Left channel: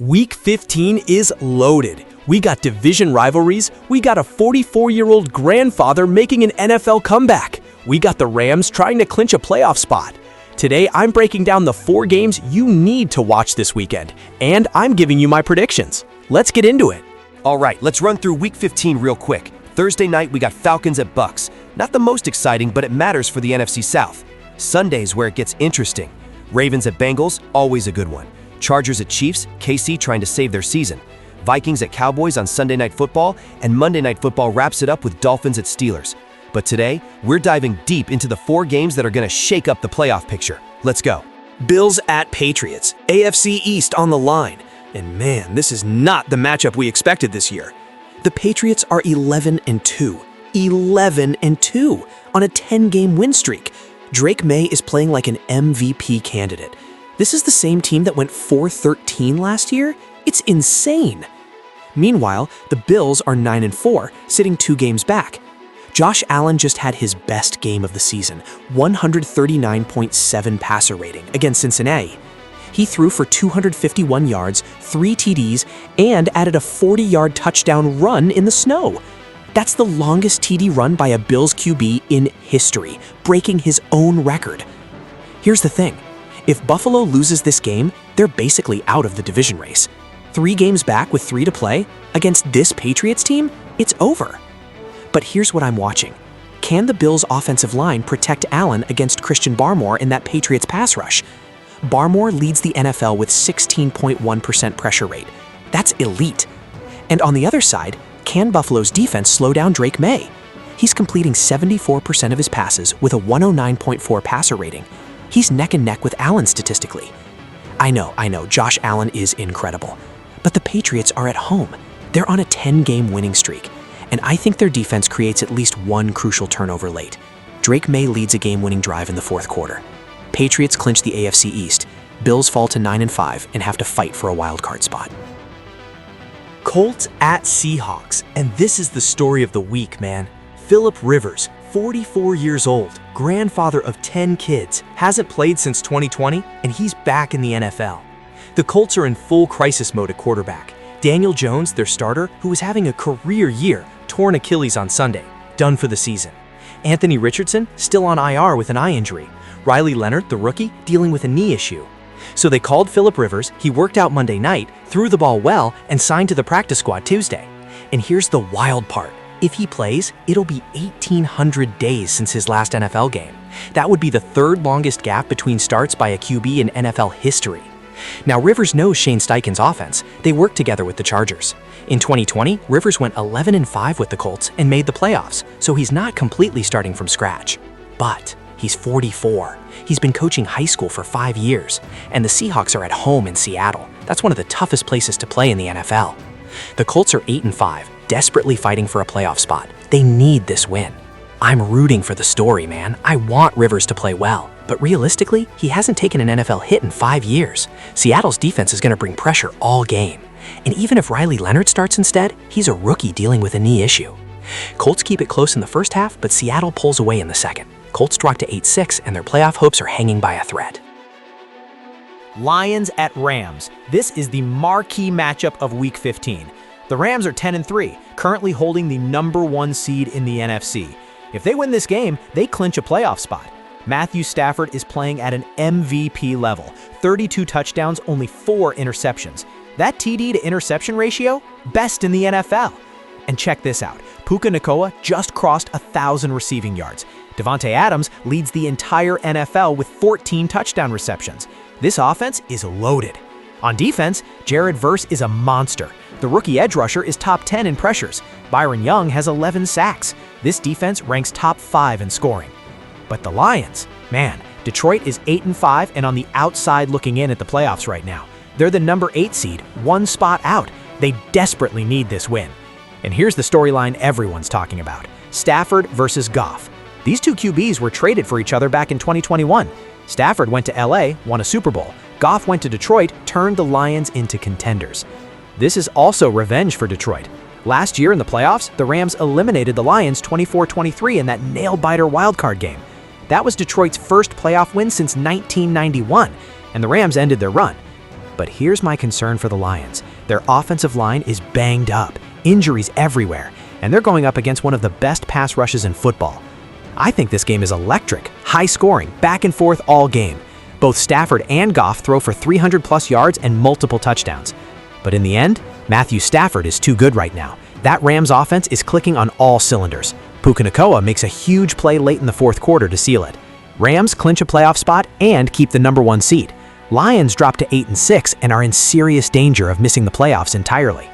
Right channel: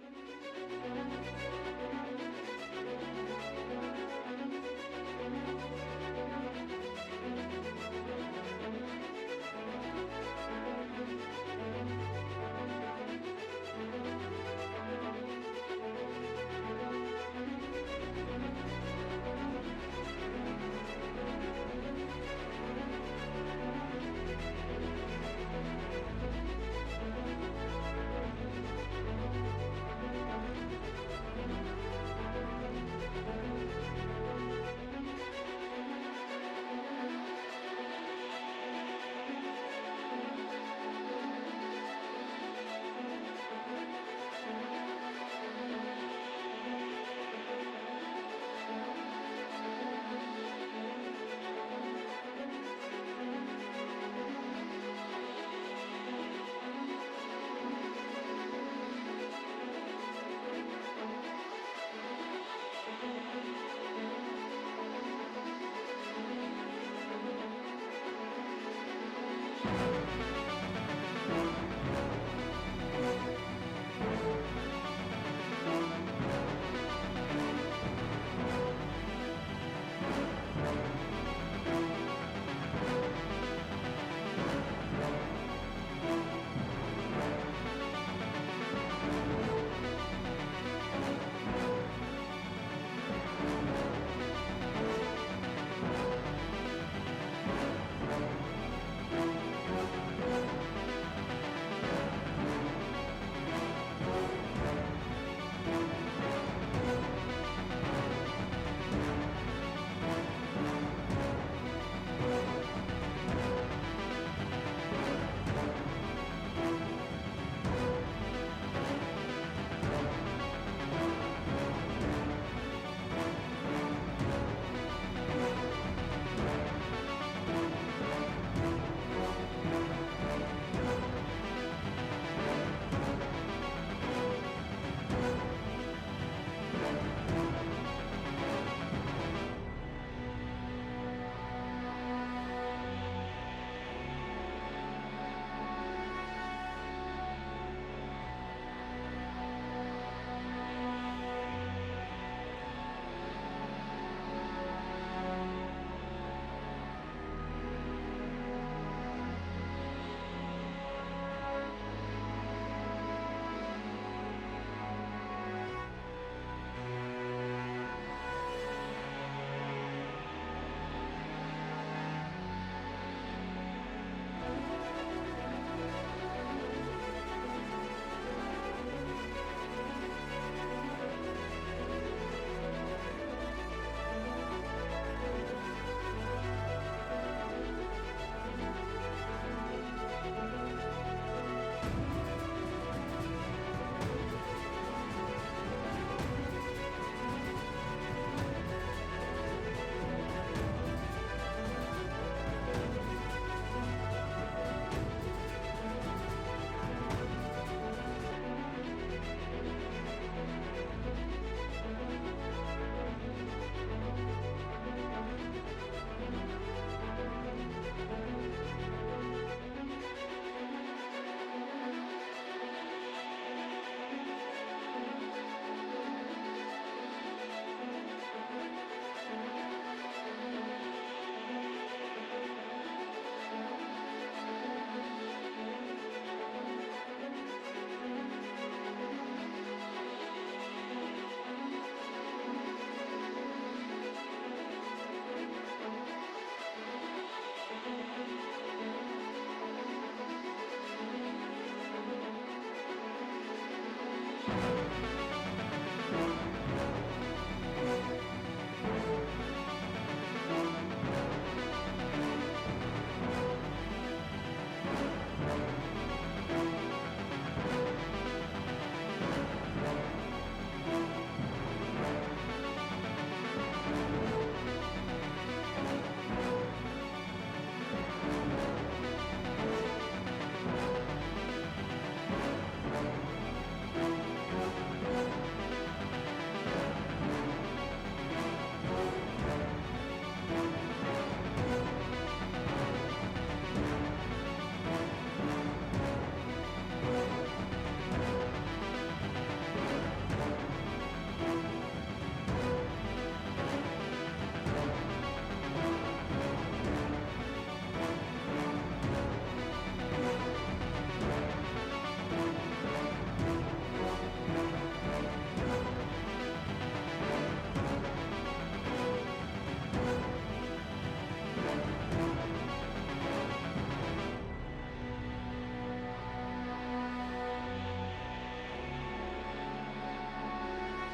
Week 15 is loaded. We got division rivalries, we got a 44-year-old grandfather making an NFL comeback. We got the Rams trying to clinch a playoff spot. Today, I'm breaking down the 4 games you need to watch this weekend, and I'm giving you my predictions. Let's get into it. All right, let's run through Week 15 real quick. Thursday night, we got Falcons at Bucks. Not the most exciting, but it matters for the NFC South. Sunday's where it gets interesting. Ravens at Bengals, always a good one. Chargers at Chiefs, KC trying to save their season. Vikings at Cowboys on Sunday Night Football, and Monday Night Football wraps it up with Dolphins at Steelers. But today, we're diving deep into the 4 games that are going to shake up the playoff picture. Let's go. Bills at Patriots, AFC East on the line. And man, this is not the matchup we expected this year. The Patriots are 11-2. 11-2 on a 10-game win streak. Drake May is playing like an MVP candidate. This is the same team that went 4-13 last year? It's insane. Meanwhile, the Bills are 9-4, sitting 2 games back. Josh Allen just had his best game of the season, 139.7 passer rating against Cincinnati. He threw for 251 yards, 3 TDs, and added a 40-yard touchdown run in the snow. That's the longest TD run by a Bills QB in history, breaking his own record. Here's the thing. If Buffalo loses this game, they're basically out of the division race. 3 games back with 3 to play, against this Patriots team, it's over. But here's what I'm watching. Can the Bills' offensive line protect Allen against Christian Barmore in that Patriots pass rush? Barmore leads the NFL with 16.1% pressure rate. That's elite. And on the other side, can Buffalo's defense slow down Drake May? He's completing 74% of his passes with a 109.4 passer rating. He's neck and neck with Allen statistically. I know, Josh Allen is incredible. But the Patriots are at home. They're on a 10-game winning streak. And I think their defense creates at least 1 crucial turnover late. Drake May leads a game-winning drive in the 4th quarter. Patriots clinch the AFC East. Bills fall to 9-5 and have to fight for a wild card spot. Colts at Seahawks. And this is the story of the week, man. Philip Rivers, 44 years old, grandfather of 10 kids, hasn't played since 2020, and he's back in the NFL. The Colts are in full crisis mode at quarterback. Daniel Jones, their starter, who was having a career year, torn Achilles on Sunday, done for the season. Anthony Richardson, still on IR with an eye injury. Riley Leonard, the rookie, dealing with a knee issue. So they called Philip Rivers, he worked out Monday night, threw the ball well, and signed to the practice squad Tuesday. And here's the wild part. If he plays, it'll be 1,800 days since his last NFL game. That would be the 3rd longest gap between starts by a QB in NFL history. Now, Rivers knows Shane Steichen's offense. They worked together with the Chargers. In 2020, Rivers went 11-5 with the Colts and made the playoffs, so he's not completely starting from scratch. But he's 44. He's been coaching high school for 5 years, and the Seahawks are at home in Seattle. That's one of the toughest places to play in the NFL. The Colts are 8-5, desperately fighting for a playoff spot. They need this win. I'm rooting for the story, man. I want Rivers to play well. But realistically, he hasn't taken an NFL hit in 5 years. Seattle's defense is going to bring pressure all game. And even if Riley Leonard starts instead, he's a rookie dealing with a knee issue. Colts keep it close in the first half, but Seattle pulls away in the second. Colts drop to 8-6, and their playoff hopes are hanging by a thread. Lions at Rams. This is the marquee matchup of Week 15. The Rams are 10-3, currently holding the #1 seed in the NFC. If they win this game, they clinch a playoff spot. Matthew Stafford is playing at an MVP level. 32 touchdowns, only 4 interceptions. That TD to interception ratio, best in the NFL. And check this out. Puka Nacua just crossed 1,000 receiving yards. Devontae Adams leads the entire NFL with 14 touchdown receptions. This offense is loaded. On defense, Jared Verse is a monster. The rookie edge rusher is top 10 in pressures. Byron Young has 11 sacks. This defense ranks top 5 in scoring. But the Lions, man, Detroit is 8-5 and on the outside looking in at the playoffs right now. They're the number 8 seed, 1 spot out. They desperately need this win. And here's the storyline everyone's talking about. Stafford versus Goff. These 2 QBs were traded for each other back in 2021. Stafford went to LA, won a Super Bowl. Goff went to Detroit, turned the Lions into contenders. This is also revenge for Detroit. Last year in the playoffs, the Rams eliminated the Lions 24-23 in that nail-biter wildcard game. That was Detroit's first playoff win since 1991, and the Rams ended their run. But here's my concern for the Lions. Their offensive line is banged up, injuries everywhere, and they're going up against one of the best pass rushes in football. I think this game is electric, high scoring, back and forth all game. Both Stafford and Goff throw for 300-plus yards and multiple touchdowns. But in the end, Matthew Stafford is too good right now. That Rams offense is clicking on all cylinders. Puka Nacua makes a huge play late in the fourth quarter to seal it. Rams clinch a playoff spot and keep the #1 seed. Lions drop to 8-6 and are in serious danger of missing the playoffs entirely.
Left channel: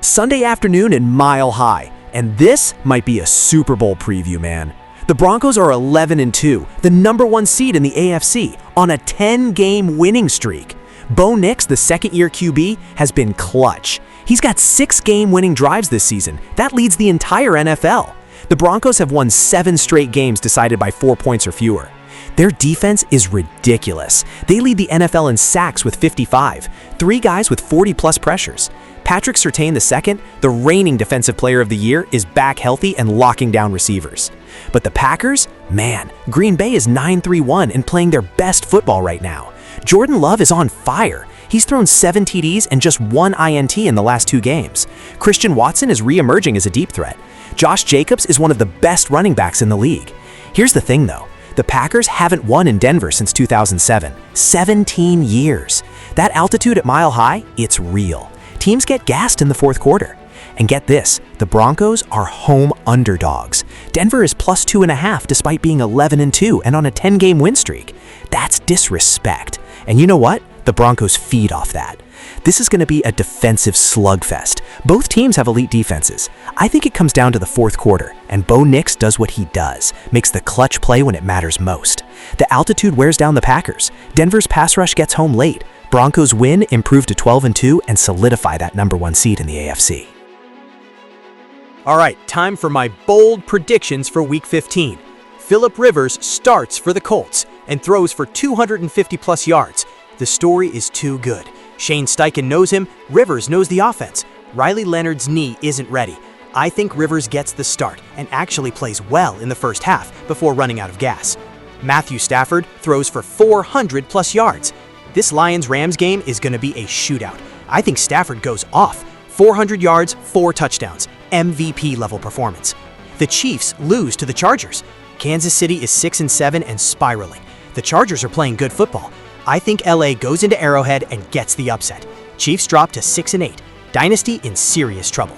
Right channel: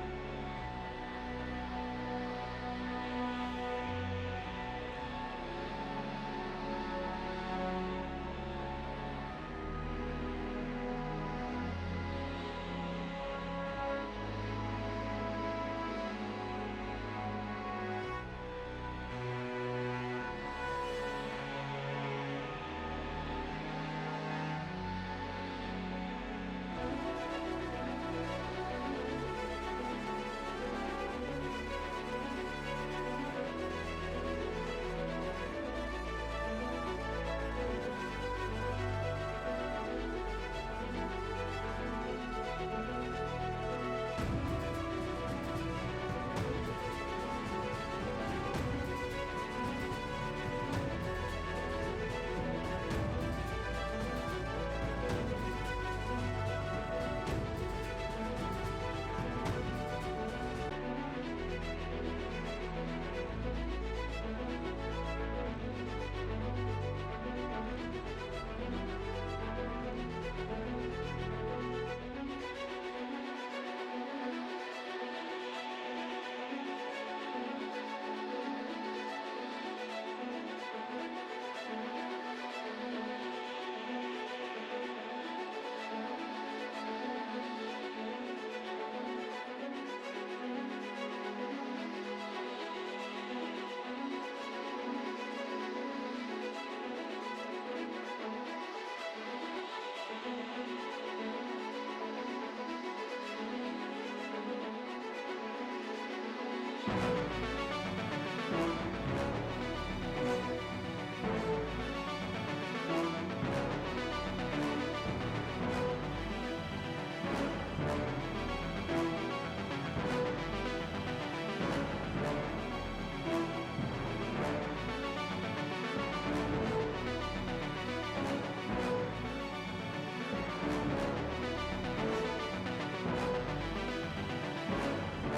Sunday afternoon in Mile High, and this might be a Super Bowl preview, man. The Broncos are 11-2, the #1 seed in the AFC, on a 10-game winning streak. Bo Nix, the second-year QB, has been clutch. He's got 6 game-winning drives this season. That leads the entire NFL. The Broncos have won 7 straight games decided by 4 points or fewer. Their defense is ridiculous. They lead the NFL in sacks with 55, 3 guys with 40-plus pressures. Patrick Surtain II, the reigning Defensive Player of the Year, is back healthy and locking down receivers. But the Packers? Man, Green Bay is 9-3-1 and playing their best football right now. Jordan Love is on fire. He's thrown 7 TDs and just 1 INT in the last 2 games. Christian Watson is re-emerging as a deep threat. Josh Jacobs is one of the best running backs in the league. Here's the thing though, the Packers haven't won in Denver since 2007. 17 years. That altitude at Mile High, it's real. Teams get gassed in the fourth quarter. And get this, the Broncos are home underdogs. Denver is plus 2.5 despite being 11-2 and on a 10-game win streak. That's disrespect. And you know what? The Broncos feed off that. This is going to be a defensive slugfest. Both teams have elite defenses. I think it comes down to the fourth quarter, and Bo Nix does what he does, makes the clutch play when it matters most. The altitude wears down the Packers. Denver's pass rush gets home late. Broncos win, improve to 12-2, and solidify that #1 seed in the AFC. All right, time for my bold predictions for Week 15. Phillip Rivers starts for the Colts and throws for 250-plus yards. The story is too good. Shane Steichen knows him, Rivers knows the offense. Riley Leonard's knee isn't ready. I think Rivers gets the start and actually plays well in the first half before running out of gas. Matthew Stafford throws for 400-plus yards. This Lions-Rams game is going to be a shootout. I think Stafford goes off. 400 yards, 4 touchdowns. MVP-level performance. The Chiefs lose to the Chargers. Kansas City is 6-7 and spiraling. The Chargers are playing good football. I think LA goes into Arrowhead and gets the upset. Chiefs drop to 6-8. Dynasty in serious trouble.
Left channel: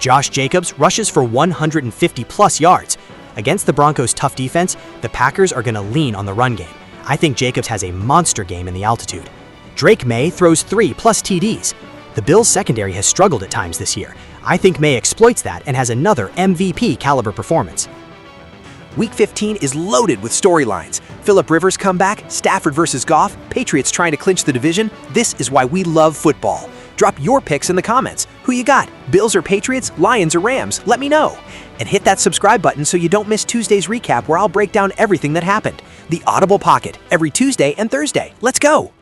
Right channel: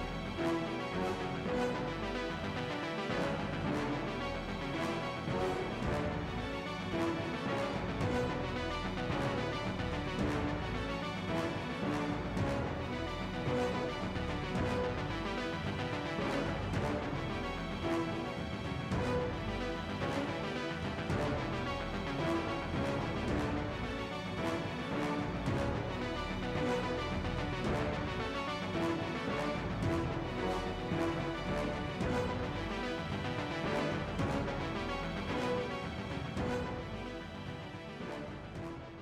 Josh Jacobs rushes for 150-plus yards. Against the Broncos' tough defense, the Packers are going to lean on the run game. I think Jacobs has a monster game in the altitude. Drake May throws 3+ TDs. The Bills' secondary has struggled at times this year. I think May exploits that and has another MVP-caliber performance. Week 15 is loaded with storylines. Phillip Rivers comeback, Stafford versus Goff, Patriots trying to clinch the division. This is why we love football. Drop your picks in the comments. Who you got? Bills or Patriots? Lions or Rams? Let me know. And hit that subscribe button so you don't miss Tuesday's recap where I'll break down everything that happened. The Audible Pocket, every Tuesday and Thursday. Let's go!